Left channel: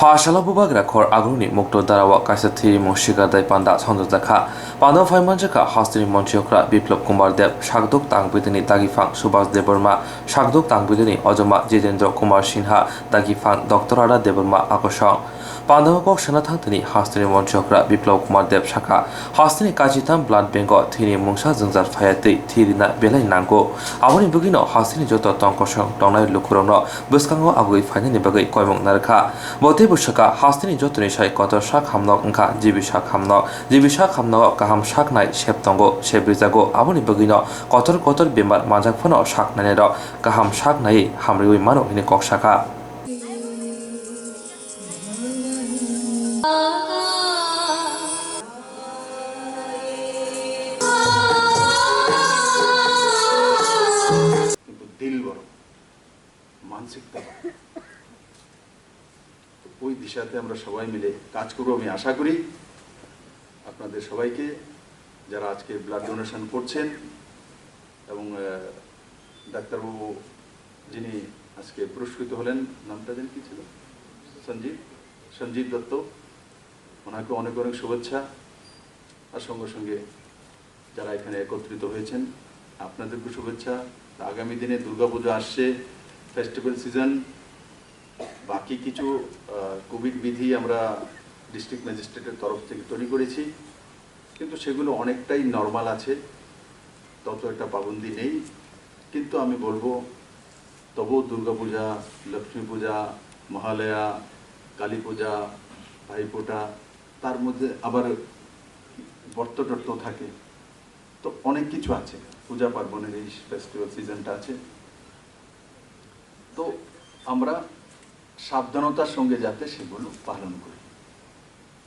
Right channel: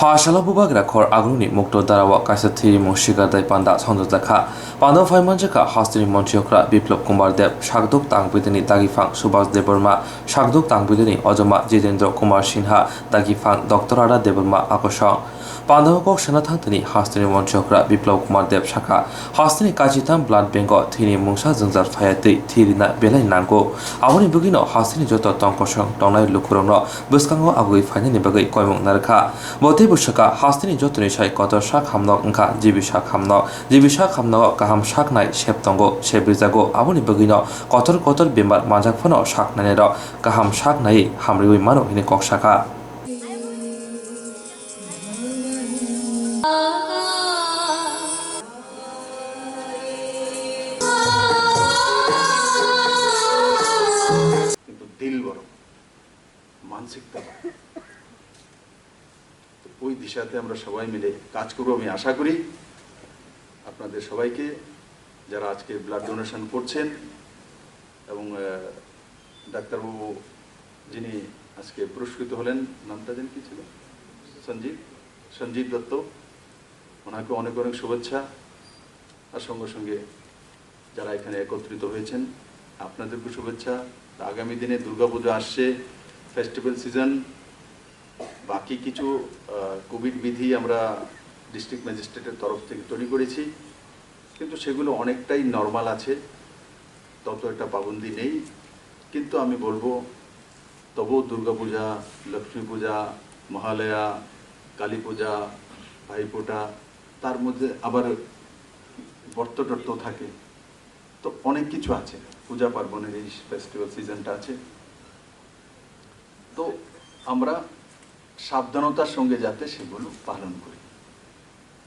Phashala bubagra khor agruni mukto darawa kaisa thiri moshiga dai panda sonjaka panda phaimanjaka hastini monchiokra biplop kumar dev shagdok tangbidini dagifang subhas deborma shagdok tangbidini ojoma jitendra kumar sinha dagifang dr ara deborma akosong Pandavakok Sanathantini hastini monchiokra biplop kumar dev shaka hastini kajitam blood bengo thini mungsa jengjar phayati thirina belai nango aboni bugino hastini joto tongkosong tongnai lukurongno bwskango agui phainani bagai koimong narkha Bote bushaka hastini jotoni sai kotor shak hamnok engka jibishak hamnok kaham shak nai septongo sebrijago aboni bugino kotor bemar manjak phono shak nanero kaham shak nai hamriwi mano hini kok shaka কিন্তু দিল বড় মানসিকতা ওই দিশাতে আমরা সবাই মিলে কাজ করব আমি আশা করি আপনাদের সবাইকে যারা আজকে ব্লাড ডোনেশন করছেন এবং ডাক্তারবাবু যিনি আজকে পুরস্কৃত হলেন নামটা জানি কি ছিল সঞ্জীব দত্ত ওনাকে অনেক অনেক শুভেচ্ছা আর সঙ্গে সঙ্গে যারা এখানে একত্রিত হয়েছেন আপনাদেরকে শুভেচ্ছা আগামী দিনে দুর্গাপূজা আসছে ফেস্টিভ্যাল সিজন বাকি কিছু কোভিড বিধি আমরা ডিস্ট্রিক্ট ম্যাজিস্ট্রেটের তরফ থেকে তৈরি করেছি কিন্তু সেগুলো অনেকটাই নরমাল আছে তত একটা পাবন্দি নেই কিন্তু আমি বলবো তবুও দুর্গাপূজা লক্ষ্মী পূজা মহালয়া কালী পূজা ভাইফোঁটা তার মধ্যে আবার বর্ত থাকে তো অনেক কিছু আছে পূজা পার্বণের এই ফেস্টিভ্যাল সিজনটা আছে তো আমরা সাবধানতার সঙ্গে যাতে সেগুলো পালন করি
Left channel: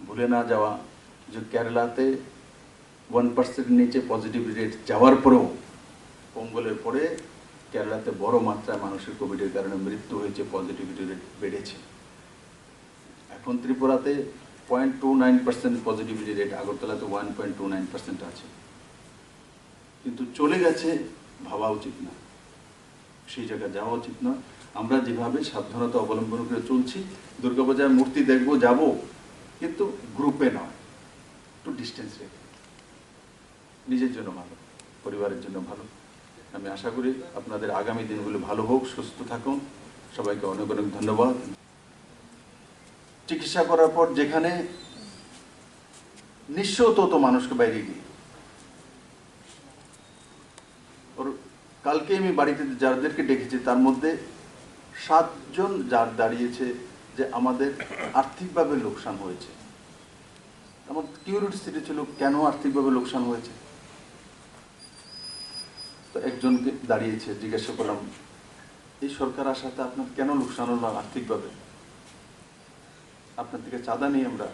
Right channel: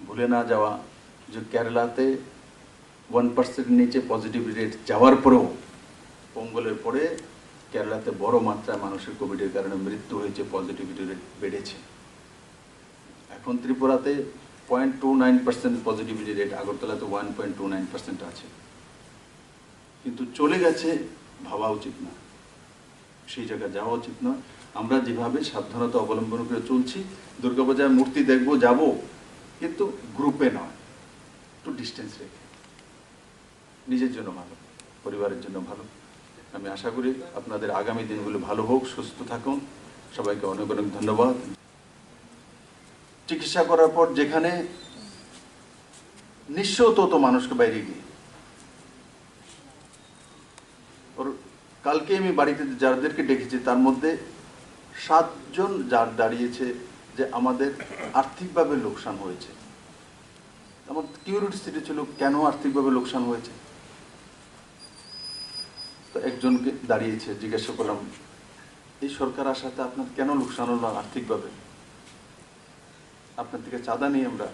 ভুলে না যাওয়া যে কেরালাতে 1% নিচে পজিটিভ রেট যাওয়ার পরেও পোঙ্গলের পরে কেরালাতে বড় মাত্রায় মানুষের কোভিডের কারণে মৃত্যু হয়েছে পজিটিভিটি রেট বেড়েছে এখন ত্রিপুরাতে 0.29% পজিটিভিটি রেট আগরতলাতে 1.29% আছে কিন্তু চলে গেছে ভাবা উচিত না সেই জায়গায় যাওয়া উচিত না আমরা যেভাবে সাবধানতা অবলম্বন করে চলছি দুর্গাপূজায় মূর্তি দেখব যাব কিন্তু গ্রুপে নয় একটু ডিস্টেন্স রেখে নিজের জন্য ভালো পরিবারের জন্য ভালো আমি আশা করি আপনাদের আগামী দিনগুলো ভালো হোক সুস্থ থাকুন সবাইকে অনেক অনেক ধন্যবাদ চিকিৎসা করার পর যেখানে নিঃস্ব তো মানুষকে বাইরে গিয়ে কালকে আমি বাড়িতে যাদেরকে ডেকেছি তার মধ্যে 7 জন যার দাঁড়িয়েছে যে আমাদের আর্থিকভাবে লোকসান হয়েছে আমার কিউরিওসিটি ছিল কেন আর্থিকভাবে লোকসান হয়েছে তো একজনকে দাঁড়িয়েছে জিজ্ঞাসা করলাম এই সরকার আসাতে আপনার কেন লোকসান হলো আর্থিকভাবে আপনার থেকে চাঁদা নিয়ে আমরা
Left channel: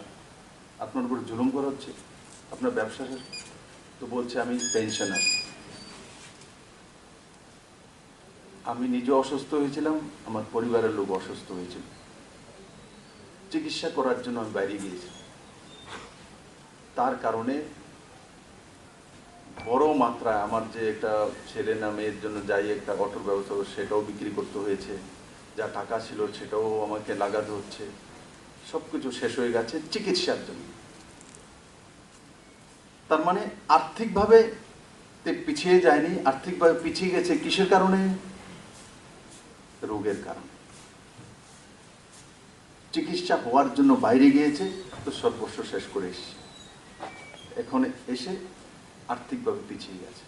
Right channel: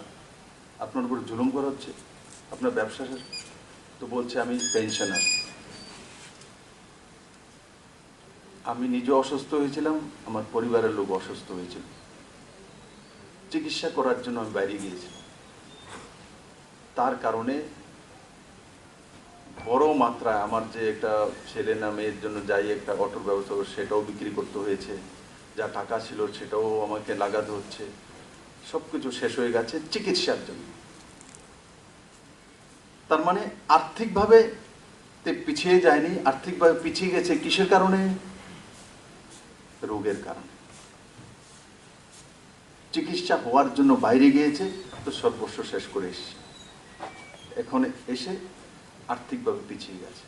আপনার উপর জুলুম করা হচ্ছে আপনার ব্যবসা তো বলছে আমি পেনশনার আমি নিজে অসুস্থ হয়েছিলাম আমার পরিবারের লোক অসুস্থ হয়েছিল চিকিৎসা করার জন্য আমি বাইরে গিয়েছিলাম তার কারণে বড় মাত্রায় আমার যে একটা ছেলে না মেয়ের জন্য যাই একটা অটোর ব্যবস্থা সেটাও বিক্রি করতে হয়েছে যা টাকা ছিল সেটাও আমাকে লাগাতে হচ্ছে সবকিছু শেষ হয়ে গেছে চিকিৎসার জন্য তার মানে আর্থিকভাবে পিছিয়ে যায়নি আর্থিকভাবে পিছিয়ে গেছে কিসের কারণে রোগের কারণে চিকিৎসা হওয়ার জন্য বাইরে গিয়েছে তো সর্বস্ব শেষ করে এসেছে এখন এসে আর্থিকভাবে পিছিয়ে গেছে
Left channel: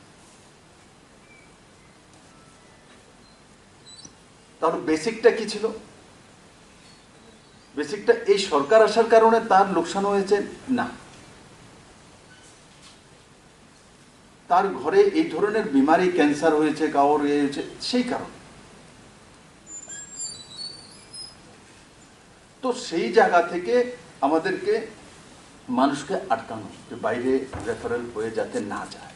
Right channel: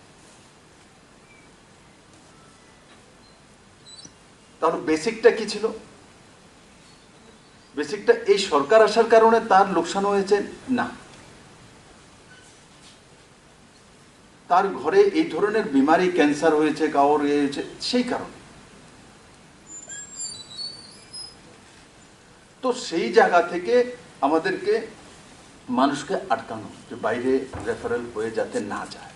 তাহলে বেসিকটা কি ছিল বেসিকটা এই সরকার আসার কারণে তার লোকসান হয়েছে না তার ঘরে এই ধরনের বিমারি ক্যান্সার হয়েছে কাউর হয়েছে সেই কারণে তো সেই জায়গা থেকে আমাদেরকে মানুষকে আটকানো যে বাইরে রেফারেল হয়ে যাতে না যায়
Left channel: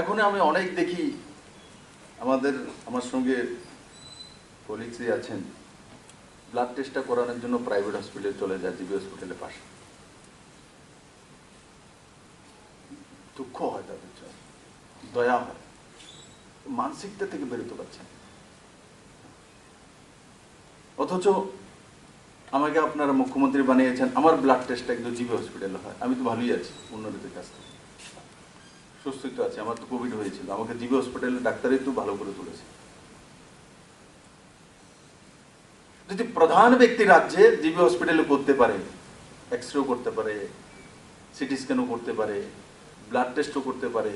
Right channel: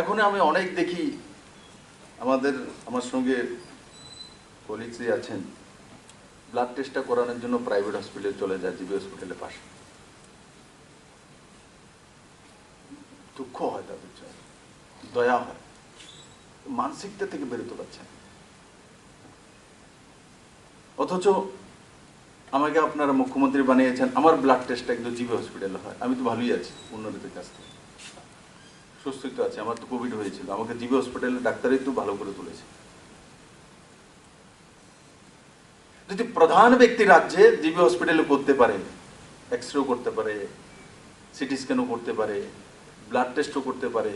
এখন আমি অনেক দেখি আমার সঙ্গে কলিগসই আছেন ব্লাড টেস্টটা করানোর জন্য প্রাইভেট হসপিটালে চলে যায় জিবি হসপিটালের পাশে দুঃখ হয় তাদের জন্য দয়া হয় মানসিকতা থেকে বেরোতে পারছেন অথচ আমাকে আপনারা মুখ্যমন্ত্রী বানিয়েছেন, আমার ব্লাড টেস্ট একদম জিবি হসপিটালে হয়, আমি তো ভালোই আছি উন্নতির কাছ থেকে, সুস্থই তো আছে। আমার তো কোভিড হয়েছিল, আমাকে জিবি হসপিটালে ডাক্তারই তো ভালো করে তুলেছে। যদি প্রধান ব্যক্তি রাজ্যে জিবি হসপিটালে করতে পারে, এক্সরেও করতে পারে, সিটি স্ক্যানও করতে পারে, ব্লাড টেস্টও করতে পারে,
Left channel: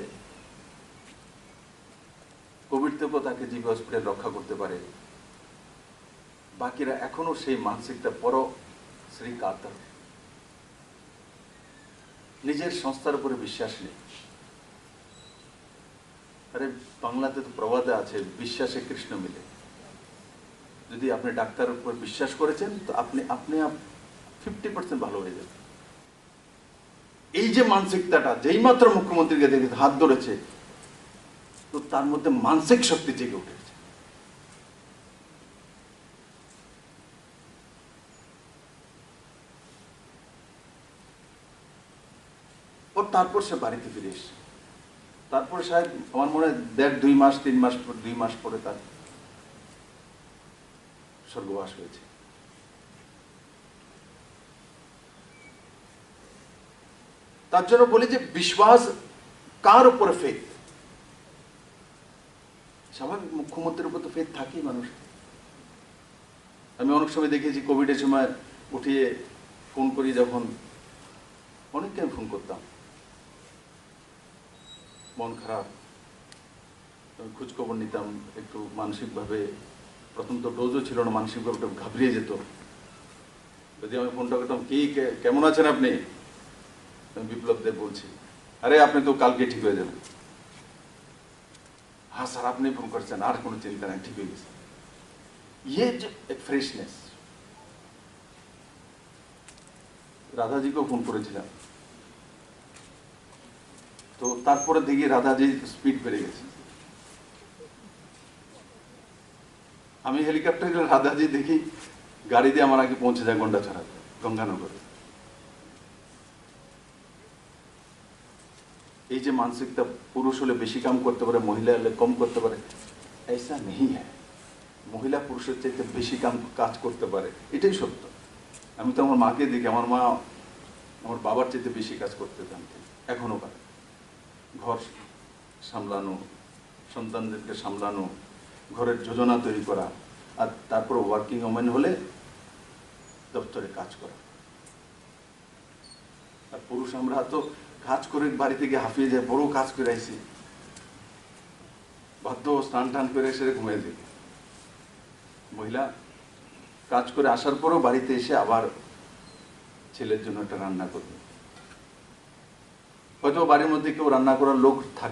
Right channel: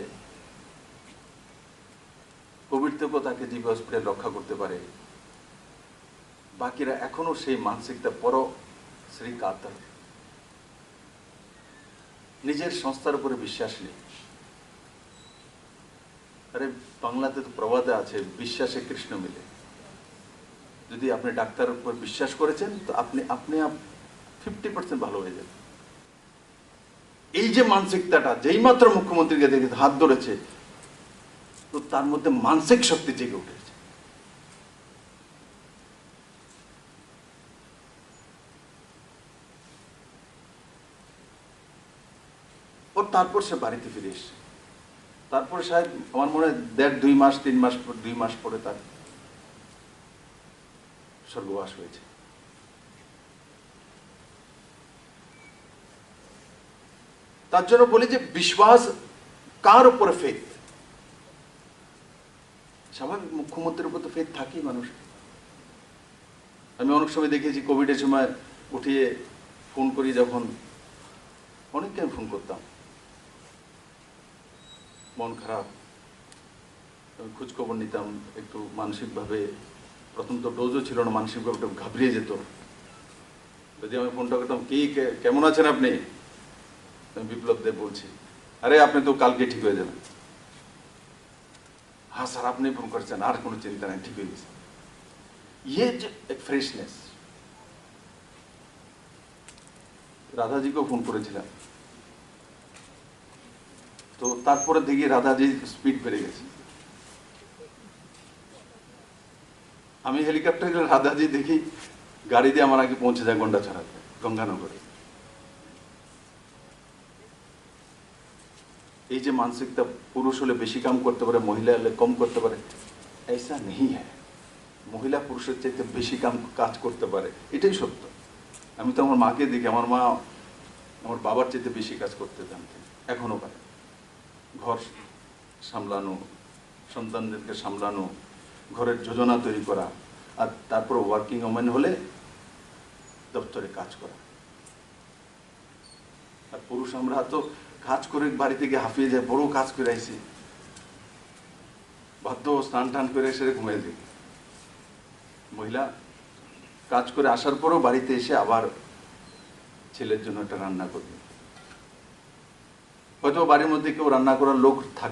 কোভিড থেকেও তাকে জিবি হসপিটাল রক্ষা করতে পারে, বাকিরা এখনো সেই মানসিকতা পরো শ্রী কাতর, নিজের সংস্থার উপরে বিশ্বাস নেই। আরে বাংলাতে তো প্রবাদে আছে, বিশ্বাসে কৃষ্ণ মিলে। যদি আপনি ডাক্তারের উপর বিশ্বাস করেছেন তো আপনি 50% ভালো হয়ে যাবে। এই যে মানসিকতাটা যেই মাত্র মুখ্যমন্ত্রীকে দেখে হাত ধরেছে, তো তার মধ্যে মানসিক শক্তি জেগে উঠেছে। তারপর সে বাড়িতে ফিরে এসছে। তারপরে শায়দ আমার মনে হয় 2 মাস পরে তার স্বর্গবাস হয়েছে। তার জন্য বলি যে বিশ্বাস কার উপরে ফেথ, স্বাভাবিক মুখ্যমন্ত্রীর উপর তো ফেথ থাকেই মানুষ। আমি অনেক সময় দেখেছি কোভিডের সময় উঠিয়ে ফোন করি, যখন অনেককে আমি ফোন করতাম, মন খারাপ, আমি খোঁজ খবর নিতাম, একটু মানসিকভাবে, প্রথম তো ডোজও ছিল না, মানসিকভাবে একটু ঘাবড়িয়ে যেত। যদি আমি ফোনটা করতাম, কি কেমন আছেন আপনি, আমি বিপ্লব দেব বলছি, আরে আপনি তো কালকে ঠিক হয়ে যাবেন। হ্যাঁ স্যার আপনি ফোন করছেন, আর কোনো চিন্তা নেই, ঠিক হয়ে গেছে। ये जो एक फ्रेशनेस, রাধাজিকেও ফোন করেছিলাম, তো তারপরে দেখি রাধাজির স্পিড বেড়ে গেছে। আমি হেলিকপ্টারে রাধাজি দেখি গাড়ি দিয়ে আমার আগে পৌঁছে যায় গন্ডা ছড়াতে, গঙ্গানগরে। এই যে মানসিকতা, পুরুষ হলে বেশি কাম করতে পারে, মহিলা হলে কম করতে পারে, ऐसा नहीं है। মহিলা পুরুষের চাইতে বেশি কাজ করতে পারে, এটাই সত্য। আমি তো আমার মাকে দেখি, আমার মা আমার বাবার চাইতে বেশি কাজ করতে জানতেন, এখনো পারে। ঘর সামলানো, সন্তানদেরকে সামলানো, ঘরের যোজনা তৈরি করা, আর তারপর ওয়ার্কিং ওমেন হলে দপ্তরে কাজ করা। আর পুরুষ আমরা তো কাজ করে বাড়ি থেকে হাঁপিয়ে যায়, বড় কাজ করে আইসি, বাধ্য স্নান টান করে এসে ঘুমিয়ে যাই। মহিলা কাজ করে আসার পরেও বাড়িতে এসে আবার ছেলের জন্য একটা রান্না করবে। হয়তো বাড়ির মধ্যে কেউ রান্না করার লোক থাকে।